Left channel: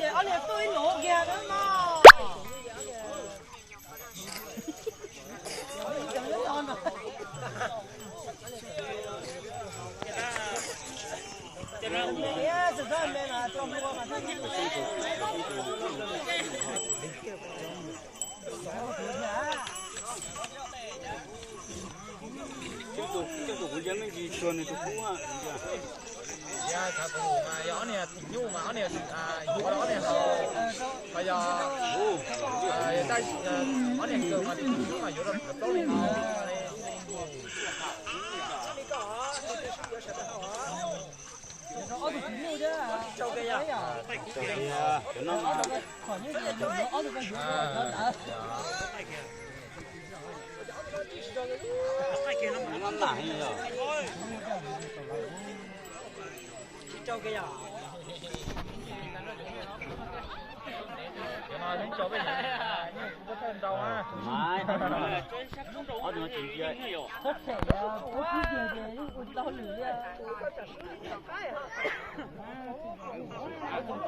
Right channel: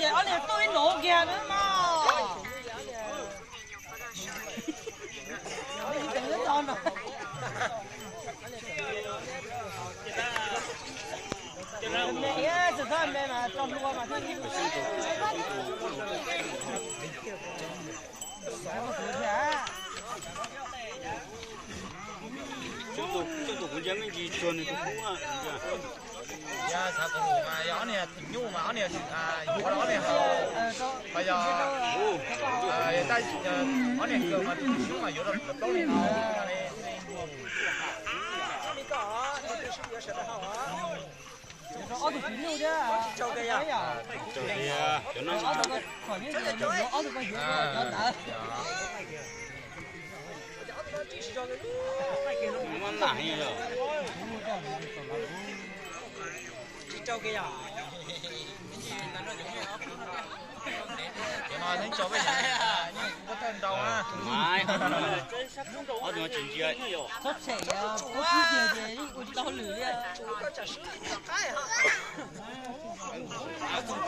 kìa, ở đây tôi nổ kìa nữa mà. Đừng có con rồi. Này á, sự thân đây mà trong mua mà thân. Chứ tôi cũng dám cái gì xuân tôi cũng à. Dạ, thằng cụ mà gió này nhung mà này gió này họ bây giờ tay nó này cường mà nhung mà gió đó có này Ở được chín luôn chứ. Châu đây à. Châu đây à. Cho nó mà. Còn những cái nó ở được cái gì đó đã. Nó nặng rồi. Châu kia à. mà những chỗ bây giờ nhưng có tên đâu ha Mai ở đường chính kia có thể có cái gì gì đi to lửa đi ở trong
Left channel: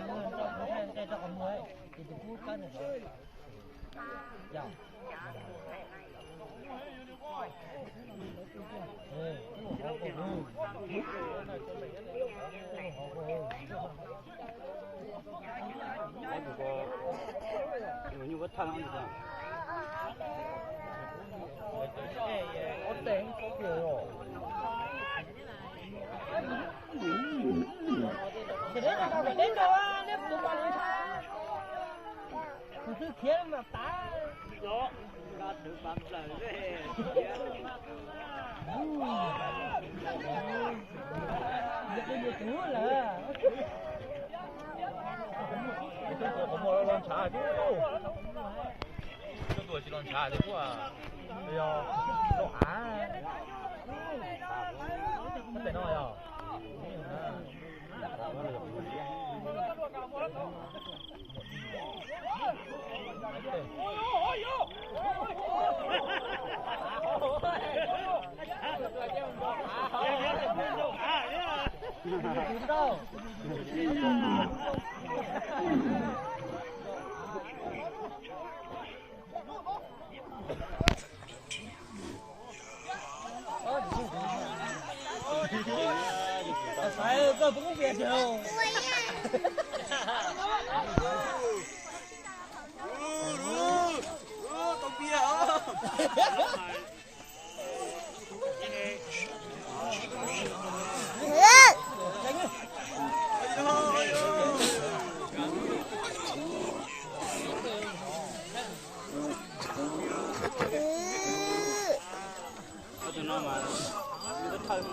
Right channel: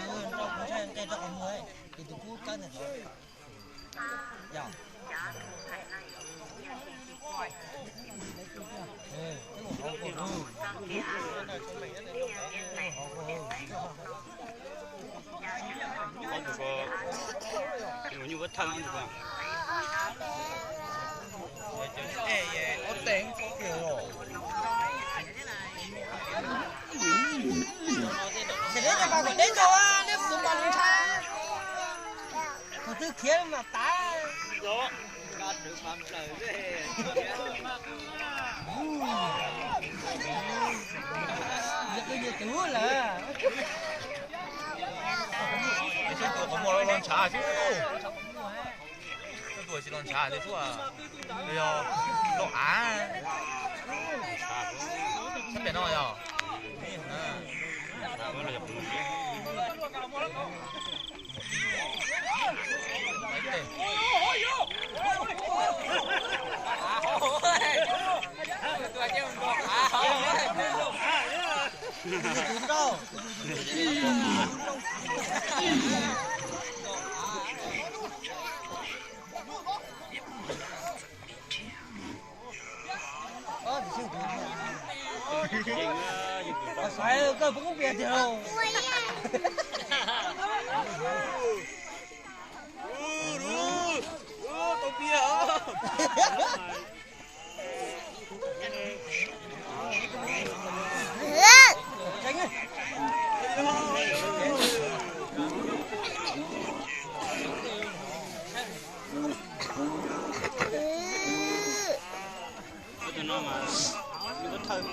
cái trong mới thì tôi cút cái này thôi dạ có được có như vết thân được không? ở tỉnh có kiểu sẽ đến là vào đến đâu á nếu tụi bạn không tha từ từ kia mà tá bây giờ chú là cái tuổi có mua lon trà chứ cái tuổi chỉ lon trà chứ à bây giờ nó á sắp đến rồi à đó là dọc mình đúng đâu phải coi cũng biết đâu tao bia cho nó mà như vết thân mà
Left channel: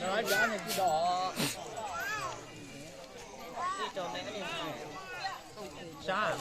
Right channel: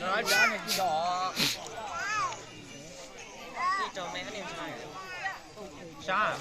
nói giá này cái đỏ xa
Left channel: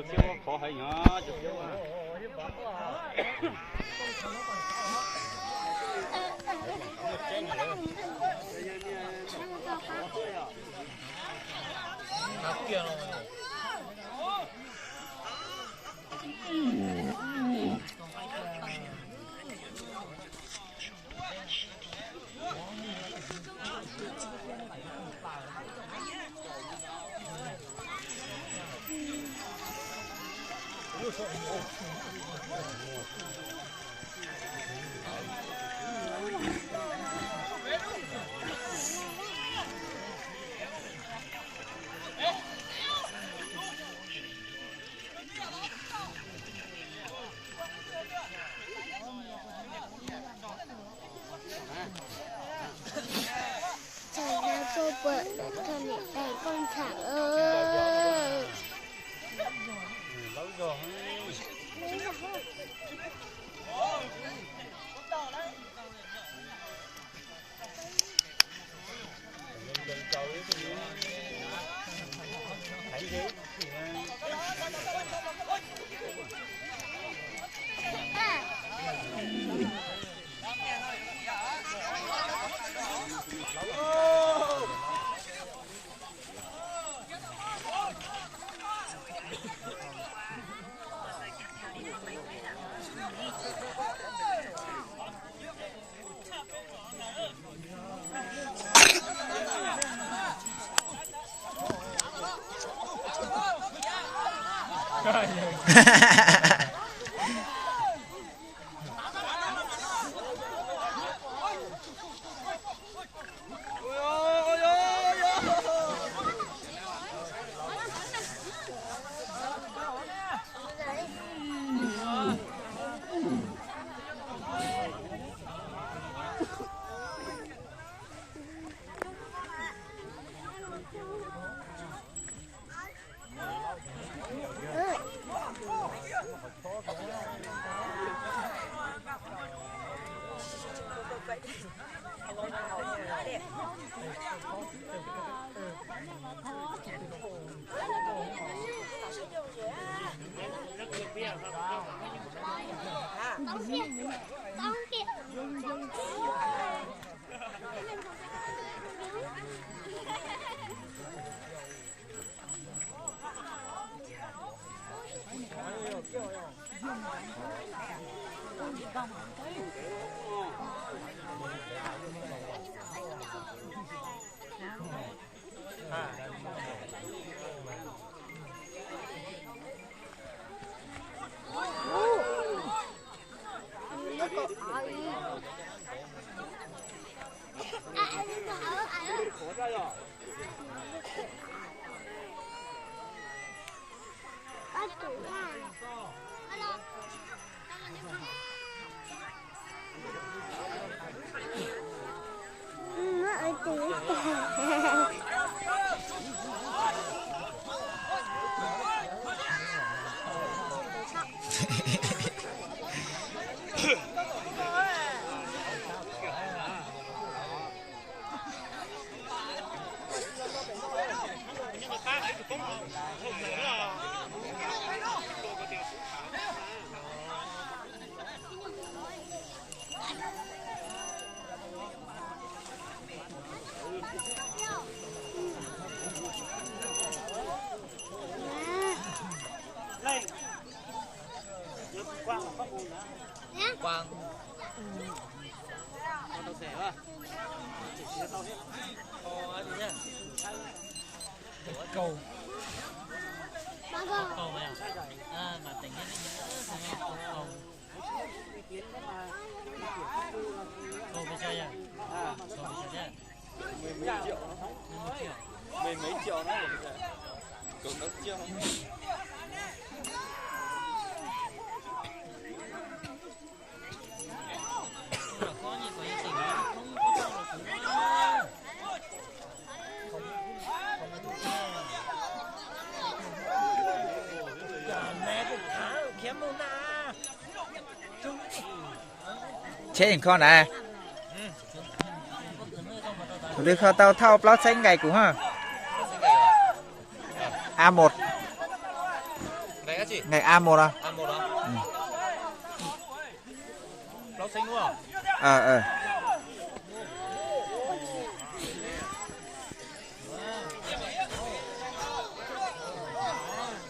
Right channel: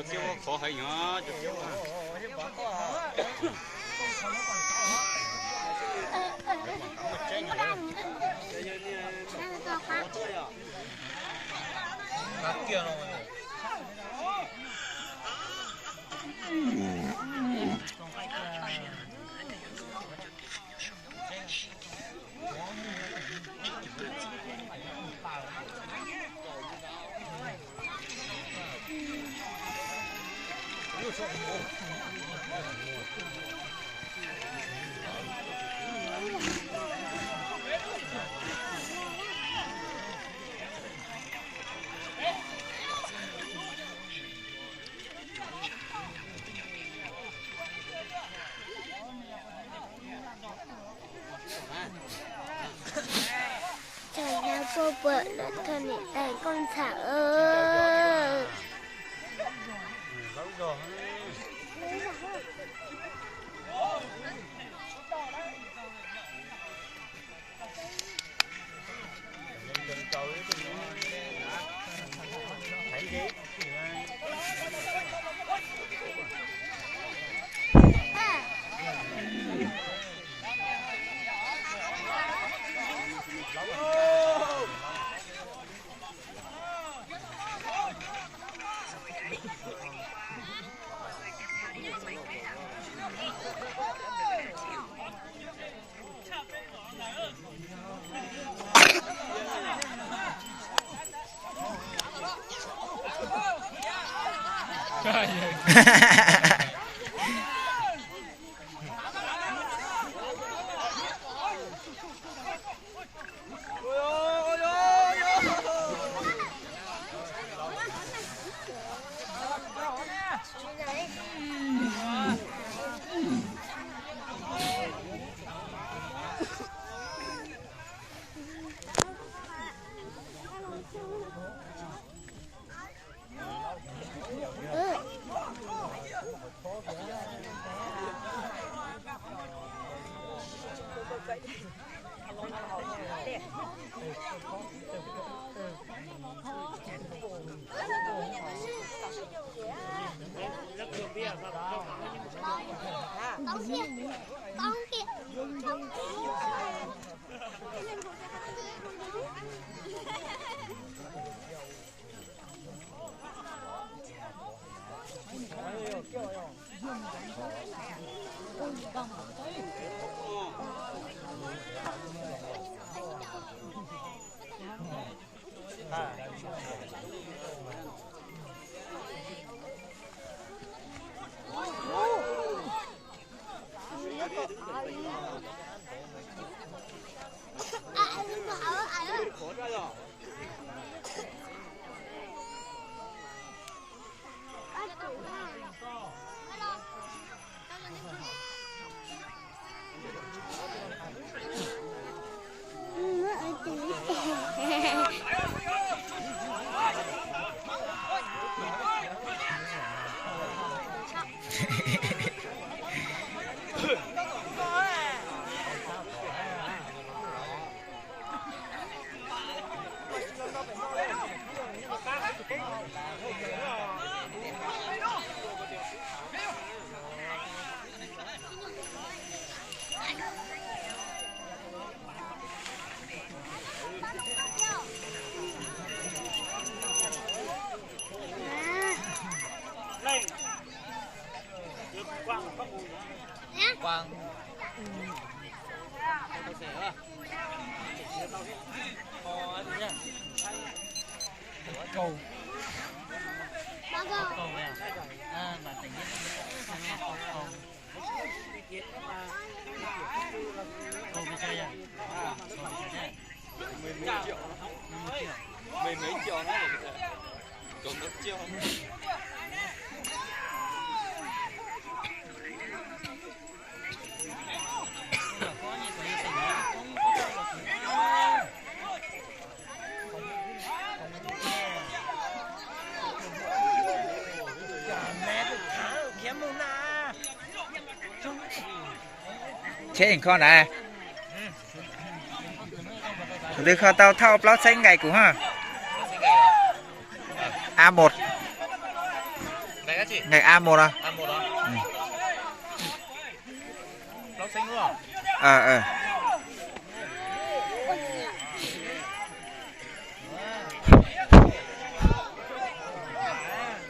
chụp chiếu khó hay nhỏ chụp chiếu cô vợ là thân tay con thả ơi. chế hình con à từ kho tao thao plot xanh ngày của ha A1 ngày A1 à? A1 à? Ừ. Rau xanh đúng không? Ờ.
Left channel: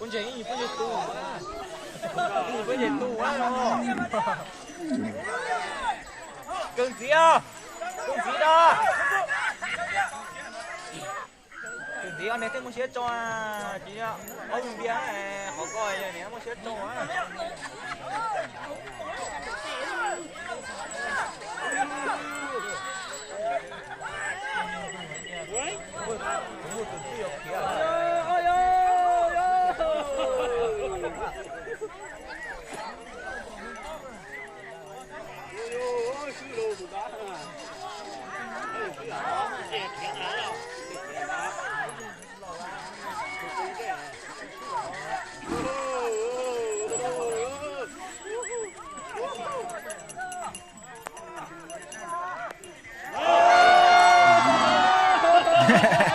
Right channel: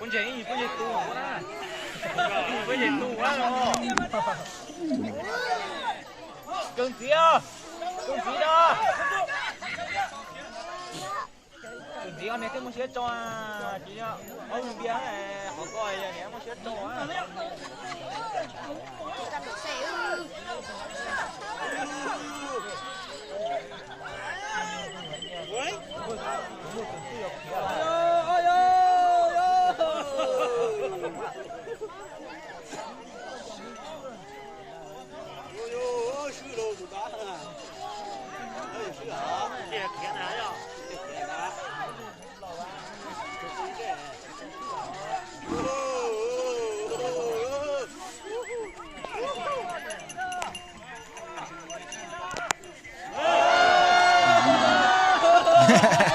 Con gì tù quá. Con gì tù quá rồi. Cưng gì à? Cưng gì đó? Cưng gì anh này thêm một chiếc cho chị ạ. Ông bia này có coi này một chiếc cho á. Ha ha ha.